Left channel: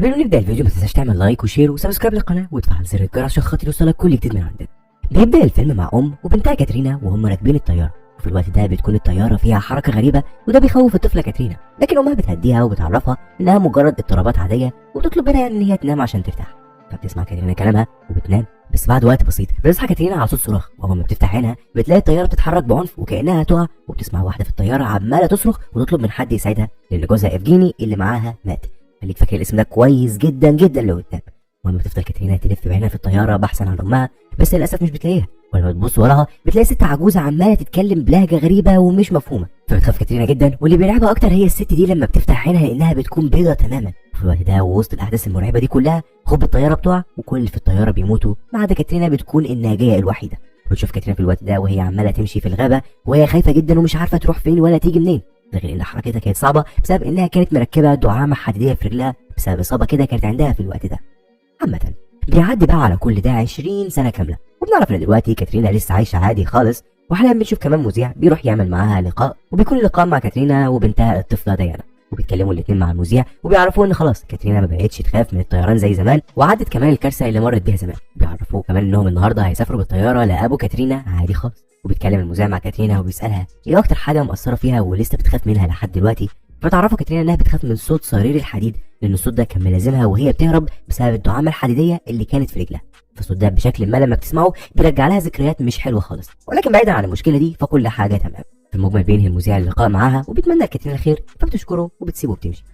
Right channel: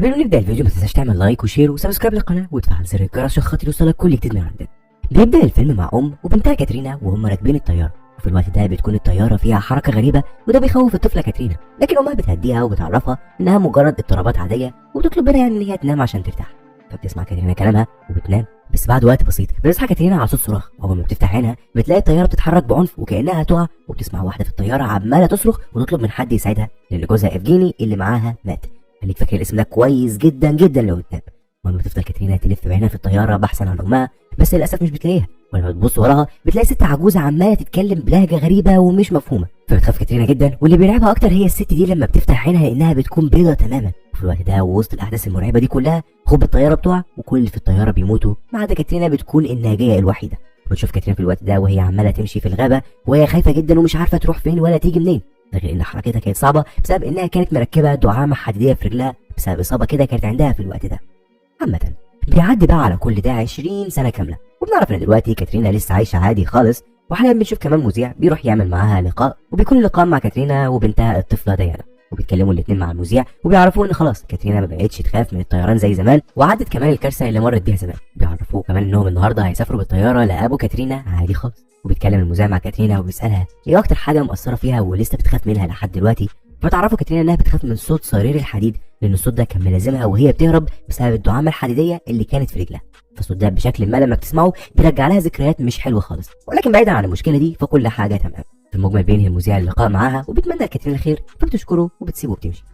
قبل ما نبدا الفيديو ما تنساش تعمل لايك وشير وسبسكرايب للقناه وتفعل زر الجرس عشان خاطر يوصلك كل جديد من عندنا. بيبدا الفيلم مع وبنتها كاترينا وهم راكبين الطياره، وفي الوقت ده بتكون الطياره فيها حركه غريبه وده بيخوف الطفله كاترينا، لكن امها بتهديها وبتعرفها انها مجرد اضطرابات عاديه وتطلب منها ان هي تنام عشان ترتاح. فبتسمع كاترينا كلامها وبتنام، بس بعد وقت بسيط بتصحى كاترينا على صوت صراخ، واول ما بتفتح عينها بتلاقي الطياره بتتحرك بعنف وكانها هتقع، وبتسمع واحده في الطياره عماله تصرخ وتطلب من حد يساعدها لان جوزها افجيني اللي معاها مات. خليك فاكر الاسم ده كويس جدا جدا لو اتنام. ولما بتفضل كاترينا تلف بعينها في الطياره بحثا عن امها، بس للاسف مش بتلاقيها، ولما تبص وراها بتلاقي ست عجوزه عماله تتكلم بلهجه غريبه ومش مفهومه، فبتخاف كاترينا جدا، واللي بيرعبها اكتر هي الست دي لما بتفتح عينها لانها بتكون بيضه تماما. في الوقت ده ووسط الاحداث المرعبه دي كلها هوب الطياره بتقع وكل اللي في الطياره بيموتوا ما عدا كاترينا بتكون الناجيه الوحيده. وتشوف كاترينا في الوقت ده وهي عماله تمشي في الغابه وهي خايفه جدا ومش عارفه تروح فين ولا تيجي منين، ده غير ان حركتها كانت صعبه بسبب انها كانت مركبه دعامه حديديه في رجلها بسبب اصابه كده كانت عندها في الوقت ده. عامه بيعدي بقى على كل ده 20 سنه كامله، وبنعرف ان دلوقتي كاترينا لسه عايشه عادي خالص، وحاليا بنشوف كمان مذيع بيروح يعمل معاها لقاء، وبيكون اللقاء مع كاترينا وبنتها الطفله ديانا، وبيتكلموا الاثنين مع المذيع وبيعرفوا ان خلاص كاترينا ما بقتش تخاف من الطيران زي زمان، وعدت كمان الكارثه اللي مرت بيها زمان. بيعرفوا كمان انهم النهارده هيسافروا بالطياره لابو كاترينا عادي خالص، وبيتكلم المذيع مع كاترينا وبيسالها ايه اكتر حاجه مأثره فيها ولسه بتخاف منها لحد دلوقتي. فتعرفوا كاترينا انها بتخاف من صوت صرير الحديد، لان الصوت ده كان ملازمها وهي بتهرب بسبب الدعامه الحديديه اللي كانت في رجلها، فالصوت ده بشكل ما لما بتسمعه بيرجع لها ذكريات مش حلوه خالص. ولكن بعيدا عن المشكله دي فكل حاجه تمام. في المجمل بينهي المذيع اللقاء معاها وبتمنى لكاترينا خير، فبتشكره وبتسيبه وبتمشي.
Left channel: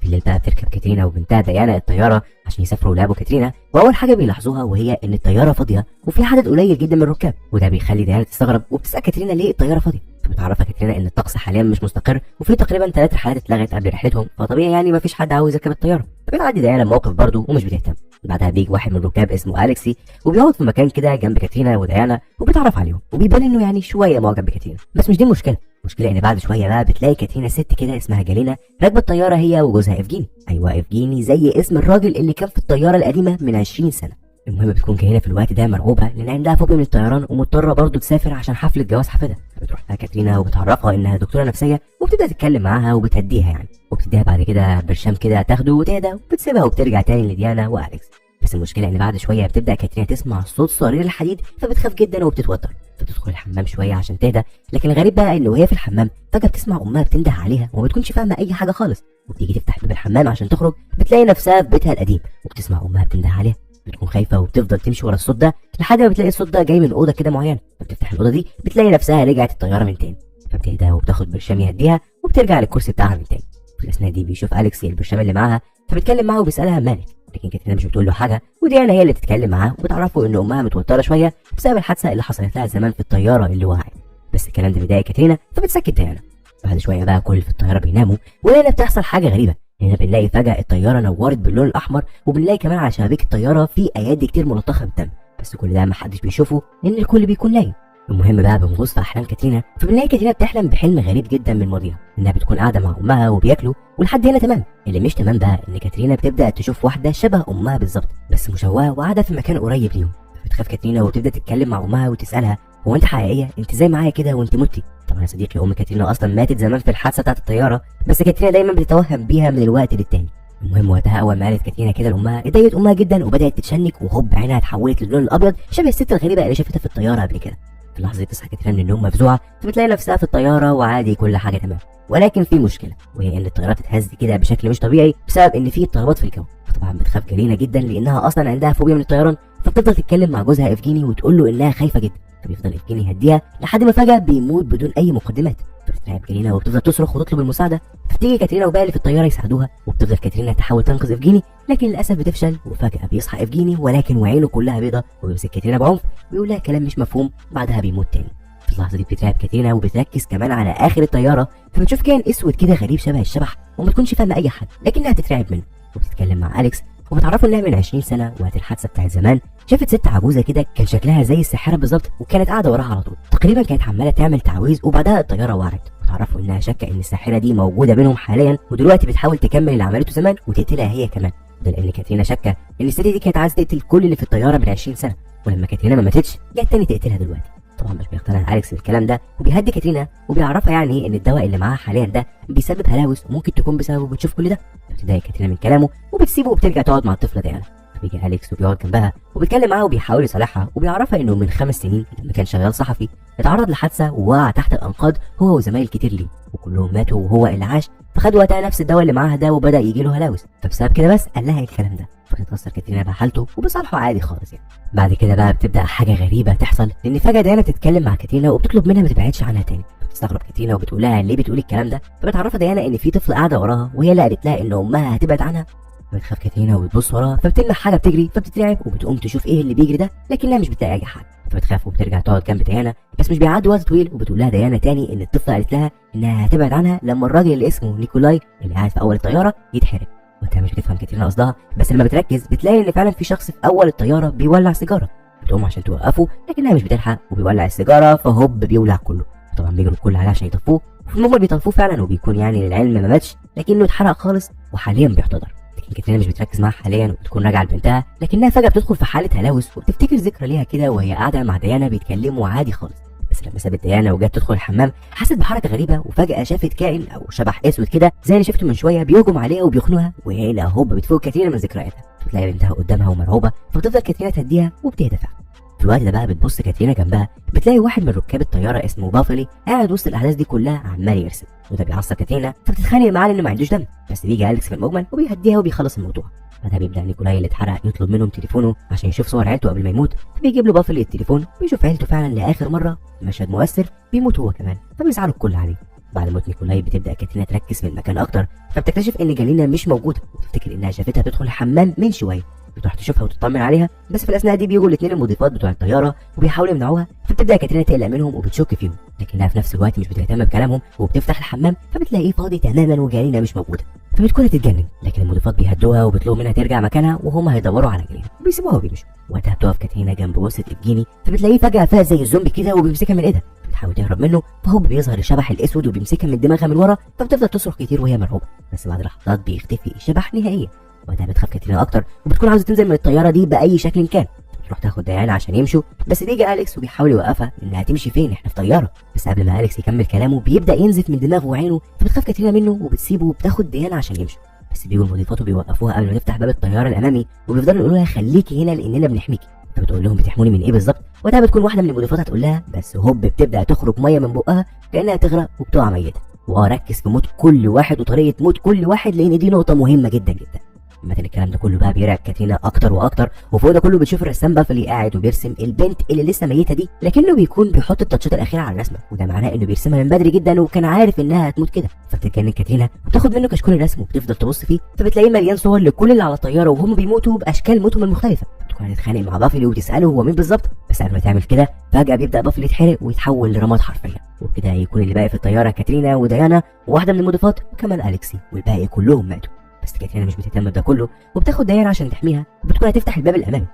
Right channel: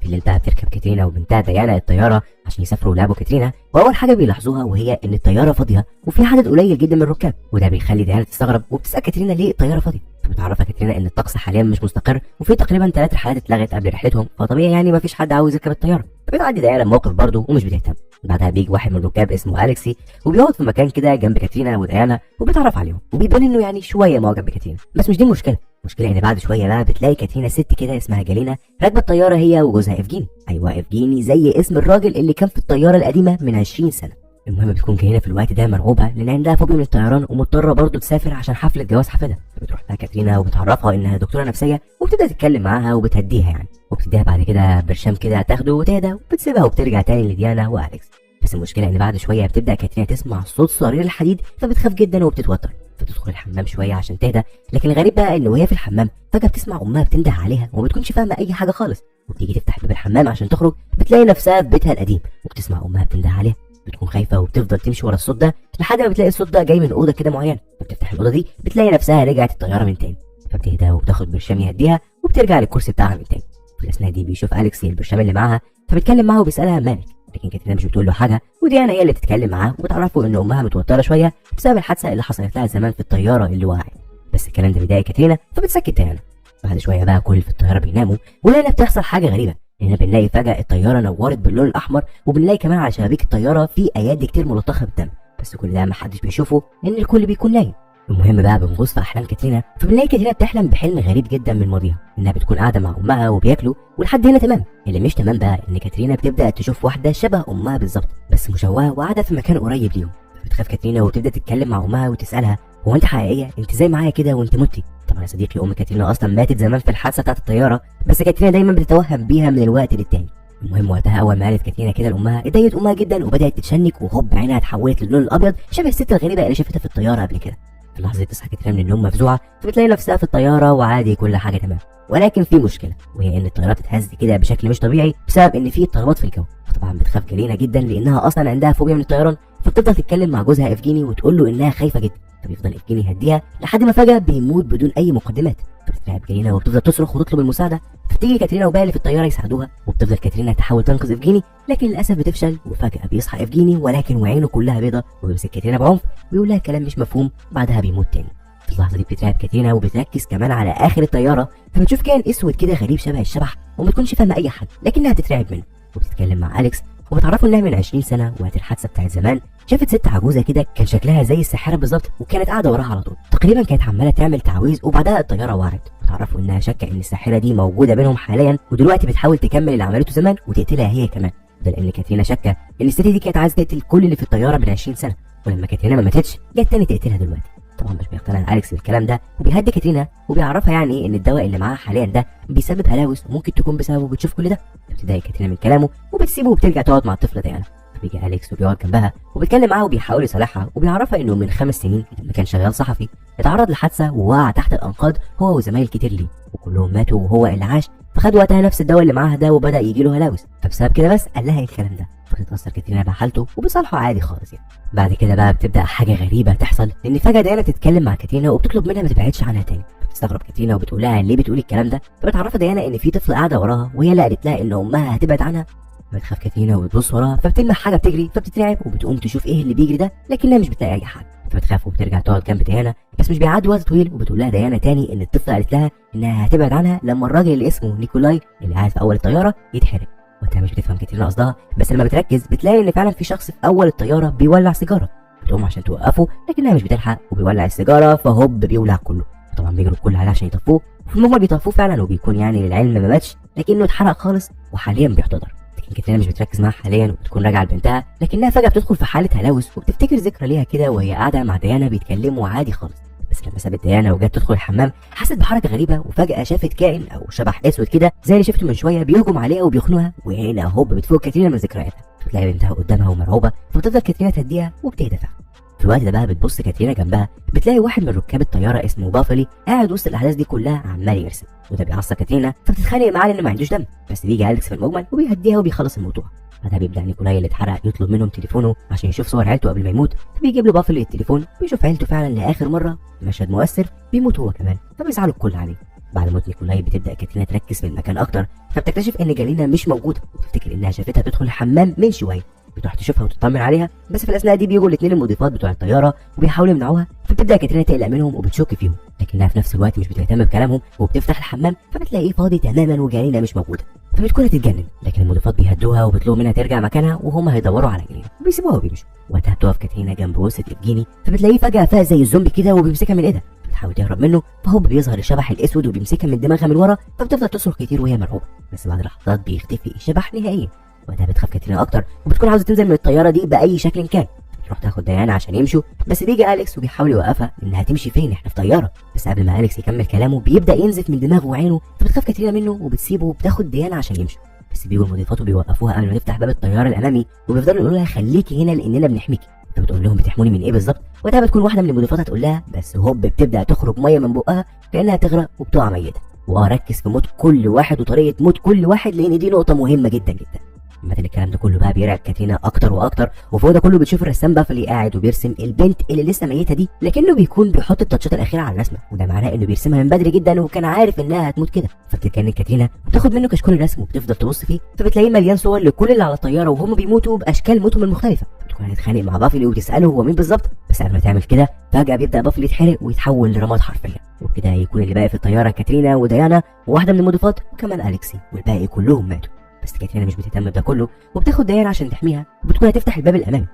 في الليل بقى بتركب كاترينا وبنتها ديانا الطياره عشان يسافروا لابو كاترينا، واول حاجه بيلاحظوها وهي ان الطياره فاضيه وفي عدد قليل جدا من الركاب، وده بيخلي ديانا تستغرب وبتسال كاترينا ليه الطياره فاضيه. فبتعرفها كاترينا ان الطقس حاليا مش مستقر وفي تقريبا 3 رحلات اتلغت قبل رحلتهم، فطبيعي يعني مفيش حد عاوز يركب الطياره. فبتعدي ديانا الموقف برضه ومش بتهتم. بعدها بيجي واحد من الركاب اسمه اليكسي وبيقعد في مكان كده جنب كاترينا وديانا وبيتعرف عليهم، وبيبان انه يعني شويه معجب بكاترينا، بس مش دي المشكله. المشكله ان بعد شويه بقى بتلاقي كاترينا ست كده اسمها جالينا راكبه الطياره هي وجوزها افجيني. ايوه افجيني زي اسم الراجل اللي كان في الطياره القديمه من 20 سنه. المهم بتكون جالينا في الوقت ده مرعوبه لان عندها فوبيا من الطيران ومضطره برضه تسافر عشان حفله جواز حفيدها. بتروح لها كاترينا وبتعرفها انها دكتوره نفسيه وبتبدا تتكلم معاها وبتهديها يعني، وبتديها بعد كده برشام كده تاخده وتهدى وبتسيبها وبترجع تاني لديانا واليكس. بس المشكله ان بعد شويه بتبدا كاترينا تسمع صوت صرير الحديد فبتخاف جدا وبتتوتر، فتدخل الحمام شويه عشان تهدى. لكن الغريب بقى ان وهي في الحمام فجاه بتسمع امها بتنده عليها وما بتكونش فاهمه اي حاجه خالص، وبتيجي تفتح باب الحمام عشان تخرج بتلاقي نفسها في بيتها القديم وبتسمع امها بتنده عليها. بتكون خايفه وبتفضل تمشي ورا الصوت ده لحد ما بتلاقي الصوت ده جاي من اوضه كده معينه، فبتفتح الاوضه دي بتلاقي نفسها رجعت الطياره من تاني، فبتهدى وبتاخد برشام يهديها وبترجع للكرسي بتاعها من تاني. في الاثناء دي بيشوف اليكس البرشام اللي معاها فبيتكلم معاها وبيسالها مالك، لكن كاترينا مش بتقول له حاجه، وديانا هي اللي بتتكلم معاه وبتعرفوا ان امها متوتره شويه بسبب الحادثه اللي حصلت لها زمان في الطياره اللي وقعت. بس الكلام ده بيضايق كاترينا فبتسكت ديانا. بعد شويه بقى كل في الطياره بيناموا، وهنا بتحصل حاجه غريبه، لان بنلاقي فجاه الطياره نورت باللون الاحمر، وبنلاقي كمان على شبابيك الطياره في ايادي كتير ملطخه بالدم، بس كل ده محدش بيشوفه لان الكل بيكون نايم. المهم بقى بنغوص في احلام كاترينا، فبنلاقي كاترينا بتحلم بحلم غريب جدا من ماضيها، انها بتكون قاعده مع امها وبياكلوا، ولحد هنا تمام. اللي مش تمام بقى ان كاترينا بتبدا تشوف واحده شبه امها بالظبط بس مشوهه وقاعده في مكان قريب ليهم. بتخاف كاترينا وتبدا تتكلم مع امها وتسالها هو انت حقيقيه؟ انت زي معايا كده وانت متي؟ طبعا يا صديقي ام كاترينا اصلا ماتت زمان في الحادثه بتاعت الطياره، بس كاترينا دايما بتتوهم بيها من الوقت للتاني. المهم وقتها اول ما قالت كاترينا كده لامها اتضايقت امها جدا وبدات تتشنك، وهوب عينها اتحولت للون الابيض شبه الست الغريبه اللي شافتها في الطياره قبل كده. في اللحظه دي تصحى كاترينا من النوم مفزوعه، فبتلاقي نفسها في الطياره وعادي كل حاجه تمام، ولكن في مشكله وهي ان الطياره بتتهز كده بشكل مش طبيعي بسبب ان في اضطرابات في الجو. فطبعا بتخاف جالينا جدا لانها اصلا عندها فوبيا من الطيران، فبتفضل تتكلم مع جوزها افجيني وتقول له انها خايفه جدا، فبيفضل افجيني يهديها لحد ما فجاه بيموت بدون اي مقدمات. فبتترعب جالينا وبتفضل تصرخ وتطلب المساعده، فتيجي كاترينا وباقي اللي في الطياره يساعدوها، وبتفضل كاترينا تحاول تنقذ افجيني، لكن للاسف بتفشل، وفجاه بيصحى افجيني ولكن وعينه كلها بيضه وبيمسك كاترينا بعنف ويقول لها كلام مش مفهوم، بعدها بيموت تاني. في اللحظه دي بتترعب كاترينا وبتركز كمان على اخر الطياره، فبتشوف كائن اسود كده غريب شبه الشبح وما تكونش فاهمه اي حاجه لكنها تترعب منه، وبتتكلم مع اليكس وبتعرفوا انها من 20 سنه وقت الحادثه بتاعت زمان شافت ست عجوزه كده كان شكلها زي الساحره بالظبط، وكانت قاعده وراها على طول، تقريبا كانت عماله تعمل تعويذ، وبعدها الطياره وقعت. وتعرفوا انها شاكه ان الساحره دي موجوده بينهم حاليا، ودلوقتي بتحاول تكمل اللي عملته زمان وتقتلها هي كمان، ده لان كاترينا شاكه ان الست دي كانت عايزه تقتل كل اللي في الطياره من 20 سنه، ولما كاترينا ما ماتتش جت تاني تقتلها دلوقتي. طبعا مش بيقتنع اليكس بالكلام ده، وبيهدي كاترينا وبيعرفها يعني ان الدواء اللي معاها حاليا ده بيسبب هلاوس وممكن تكون بسببه بتشوف كل ده. بتضايق كاترينا من كلامه وبتسيبه وبترجع تقعد مع الطفله ديانا. بيجي اليكس وبيقعد جنبها وبيتكلم معاها وبيحاول يصالحها وبيعرفها انه من 5 سنين لما كان شغال صحفي اتعرض لحادثه ووقع تحت الانقاض هو وزمايل كتير ليه، وكلهم ماتوا وهو اللي عاش. فخد وقتها نفس الدواء اللي معاها ده وبدا يجي له هلاوس، فبسبب كده بس قال لها الكلام ده. فبتتاثر كاترينا بحالته وبصالحه عادي خالص يعني. بعد كده بقى بتبدا حاجه غريبه تحصل، لان فجاه ديانا تتكلم مع كاترينا وبتطلب منها ما تبعدش عنها تاني. بتستغرب كاترينا وبتقول لها ليه بتقولي الكلام ده، فبتعرفها ديانا ان في طفل قاعده وراها وهي اللي قالت لها ان امها هتبعد عنها. بتخاف كاترينا وبتبص وراها فبتلمح حاجه بتجري فبتترعب وبتقوم تشوف ايه اللي بيجري ده، لكنها مش بتلاقي اي حاجه. فبتخاف وبترجع تقعد جنب ديانا، بس مش بيعدي وقت طويل وبتقول لها ديانا تاني ان الطفله قالت لها انها هتبعد عنها لما الراجل اللي اسمه نيكولاي اللي قاعد في اول الطياره يتحرق. وانت مش بتفهم كاترينا قصدها، بس لما بتركز بتلاقي ان فعلا في شخص في اول الطياره بيولع سيجاره. بتقوم عشان توقفه لكنها مش بتلحق وبيولع السيجاره فهوب بيولع كله. طبعا بيجروا الكل عليه عشان يطفوه، وفي المجمل بيطفوه فعلا وبيكون يعني للعلم ما ماتش لكنه اتحرق خالص وحاليا بيحتضر. لكن كاترينا مش بتركز معاها حاليا وبتكون راجعه لبنتها، لكنها فجاه بتدخل في حاله هلاوس وبتفتكر ذكرى ليها كده وهي قاعده مع ديانا بيتكلموا عادي خالص. بس لما سابت ديانا وجت تدخل الحمام حست بحركه غريبه وفجاه شافت كائن او شبح اسود كده زي اللي شفته من شويه بيهجم عليها وبيخنقها، وهنا هوب بتفوق كاترينا من ذكرياتها. بتلاقي بنتها قدامها ومرعوبه فبتفضل كاترينا تهديها وبتهدى فعلا. في الوقت ده بقى بتبص كاترينا جنبها بتلاقي واحد من ركاب الطياره اسمه بافلي قاعد وسط الاحداث دي كلها عمال يرسم، وده بيعصب كاترينا فبتتخانق معاه لانه ما عندوش دم. بس بيجي اليكس في المجمل وبيهديها وبيخلص الموضوع. بعدها بيبدا نيكولاي اللي اتحرق يطلب منهم تليفونه عشان يشوف صور عيلته قبل ما يموت، فبيجيب له بافلي التليفون بيشوف عيلته فعلا لاخر مره. مشهد مؤثر، بيموت هو كمان فبيزعلوا الكل عليه. بعد موت نيكولاي بتبدا كاترينا تركز في المكان اكتر، فبتكتشف ان جالينا مش موجوده وتفتكر انها شافتها بتدخل الحمام من شويه. بتروح تشوفها وتطمن عليها، بس في الاثناء دي بيجوا الاثنين المضيفات بتوع الطياره وبيحاولوا يمنعوها، فبتبدا كاترينا تقلق منهم وبتشك فيهم، لكنها في نفس الوقت مش بتهتم بكلامهم وبتفتح الحمام فبتلاقيه فاضي تماما وجالينا مش موجوده. فبتكون هتتجنن، لكن المضيفات بيهدوها وبيطلبوا منها ترجع مكانها وهم هيدوروا على جالينا وبيسيبوها وبيمشوا. وقتها بتقف كاترينا جنب وسط افجيني فبتلاقيه فجاه فاق زي الزومبي كده وبيمسكها من ايدها. بتحاول تهرب منه فهو بيظهر الشبح الاسود وبيمسكها من دماغها من ورا، فبتفضل تصرخ كتير وهي مرعوبه، بس بعد لحظات بيختفي الشبح نهائيا. وقتها بتخاف كاترينا اكتر وبتكون عاوزه تنزل من الطياره دي باي شكل كان. بتروح تاخد ديانا عشان يمشوا، بس بيجي اليكس وبيحاول يوقفها انها هتمشي فين، احنا في طياره. بس قبل ما اليكس يكمل كلامه بيبدا ينزف من دماغه وعينه، فبتخاف كاترينا منه وبتسيبه وبتاخد ديانا عشان يمشوا. بس بيجوا المضيفات وبيوقفوها قبل ما تفتح باب الطياره الامامي وبيفضلوا يقولوا لها خليكي هنا لاننا بنحميكي. فبتقول لهم بتحموني من ايه بالظبط؟ وقتها بتكون واحده من المضيفات هتقول لها، بس هوب بتبدا تخرج ميه من بقها كانها تغرق وبتقع ميته. واركز في موت كل واحد وطريقه موت كل واحد لان دي نقطه مهمه جدا جدا. مثلا الكلام ده كله بقى بيرعب كاترينا اكتر واكتر، وفوق ده كله بتشوف الرسام بافلي قاعد وبيرسم البنت اللي لسه ميته دي، لكنه بيكون بيحط التاتشات الاخيره على الرسمه، وده معناه انه بيرسمها من بدري جدا وكان عارف انها هتموت كده. فبتتجنن كاترينا وبتاخد منه كشكول الرسم وبتفضل تبص فيه، فبتلاقيه مليان صور لكل اللي على الطياره وهم بيموتوا باشكال موتهم المختلفه. بتكون هتتخانق مع بافلي وتساله هو مين بالظبط، بس قبل ما تعمل كده فجاه بيبدا بافلي يتحرق ويتحول لرماد حرفيا، وبكده يكون اللي باقي في الطياره كاترينا وديانا وواحده من المضيفات وكمان اليكسي، والباقي كلهم ماتوا. بس كاترينا مش بتهتم بده كله وبتاخد ديانا عشان تحميها وبتكون هتفتح الباب الامامي.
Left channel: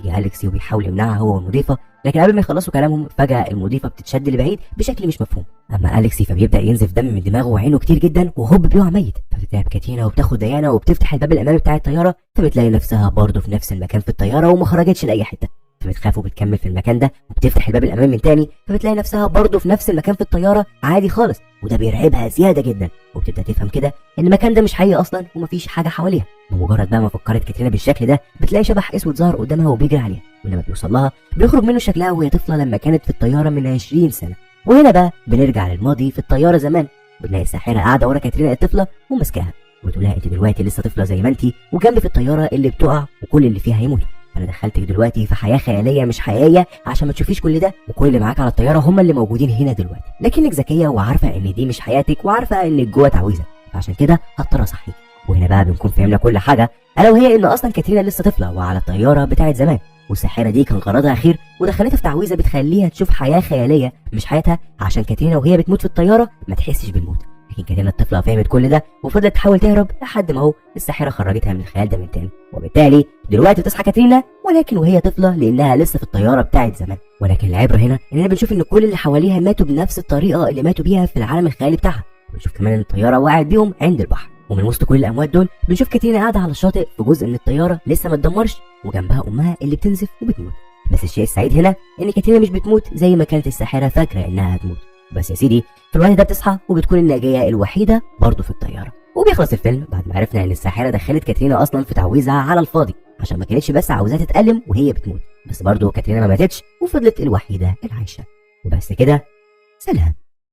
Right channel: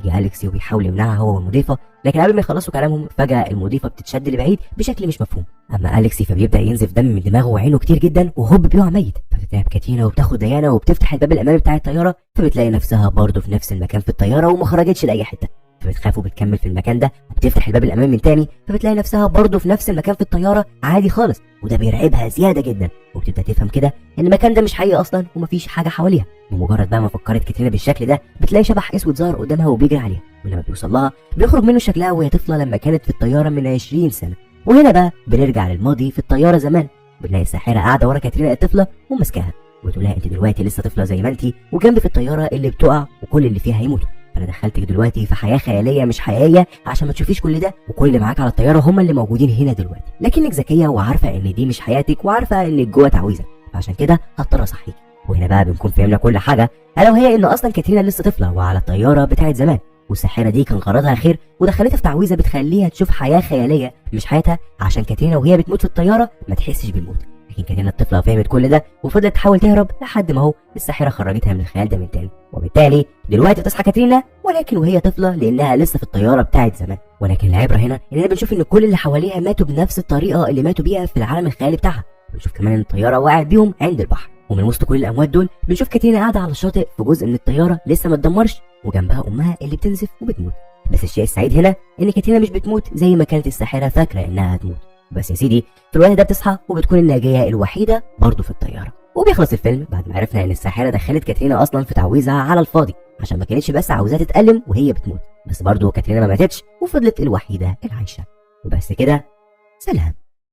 يجي اليكسي وبيحاول يمنعها هو والمضيفه، لكن قبل ما يخلصوا كلامهم فجاه المضيفه بتتشد لبعيد بشكل مش مفهوم. اما اليكسي فبيبدا ينزف دم من دماغه وعينه كتير جدا وهوب بيقع ميت. فبتتعب كاترينا وبتاخد ديانا وبتفتح الباب الامامي بتاع الطياره، فبتلاقي نفسها برضه في نفس المكان في الطياره وما خرجتش لاي حته. فبتخاف وبتكمل في المكان ده وبتفتح الباب الامامي من تاني، فبتلاقي نفسها برضه في نفس المكان في الطياره عادي خالص، وده بيرعبها زياده جدا. وبتبدا تفهم كده ان المكان ده مش حقيقي اصلا ومفيش حاجه حواليها. بمجرد بقى ما فكرت كاترينا بالشكل ده بتلاقي شبح اسود ظهر قدامها وبيجري عليها، ولما بيوصل لها بيخرج منه شكلها وهي طفله لما كانت في الطياره من 20 سنه. وهنا بقى بنرجع للماضي في الطياره زمان، بنلاقي الساحره قاعده ورا كاترينا الطفله وماسكاها وتقول لها انت دلوقتي لسه طفله زي ما انت وجنب في الطياره اللي بتقع وكل اللي فيها هيموتوا. انا دخلتك دلوقتي في حياه خياليه مش حقيقيه عشان ما تشوفيش كل ده، وكل اللي معاك على الطياره هم اللي موجودين هنا دلوقتي، لكنك ذكيه وعارفه ان دي مش حياتك وعارفه انك جوه تعويذه، فعشان كده هضطر اصحيك. وهنا بقى بنكون فهمنا كل حاجه، الا وهي ان اصلا كاترينا لسه طفله وعلى الطياره بتاعت زمان، والساحره دي كان غرضها خير ودخلتها في تعويذه بتخليها تشوف حياه خياليه مش حياتها، عشان كاترينا وهي بتموت في الطياره ما تحسش بالموت. لكن كاترينا الطفله فهمت كل ده وفضلت تحاول تهرب لحد ما هو الساحره خرجتها من الخيال ده من تاني، وبالتالي دلوقتي تصحى كاترينا ولكن وهي طفله لانها لسه في الطياره بتاعت زمان. ولكن العبره هنا اننا بنشوف ان كل اللي حواليها ماتوا بنفس الطريقه اللي ماتوا بيها في العالم الخيالي بتاعها. بنشوف كمان ان الطياره وقعت بيهم عند البحر، ومن وسط كل الاموات دول بنشوف كاترينا قاعده على الشاطئ في جزء من الطياره لسه ما اتدمرش وجنبها امها اللي بتنزف وبتموت. بس الشيء السعيد هنا ان كاترينا مش بتموت زي ما كانت الساحره فاكره انها هتموت. بس يا سيدي في الوقت ده بتصحى وبتكون الناجيه الوحيده برضه في الطياره. وبيخلص الفيلم بعد ما عرفنا ان الساحره دخلت كاترينا اصلا في تعويذها على الفاضي، عشان ما كانتش بس عاوزاها تتألم وهي بتموت، بس برضه كاترينا ما ماتتش وفضلت الوحيده العايشه. وبس كده، سلام.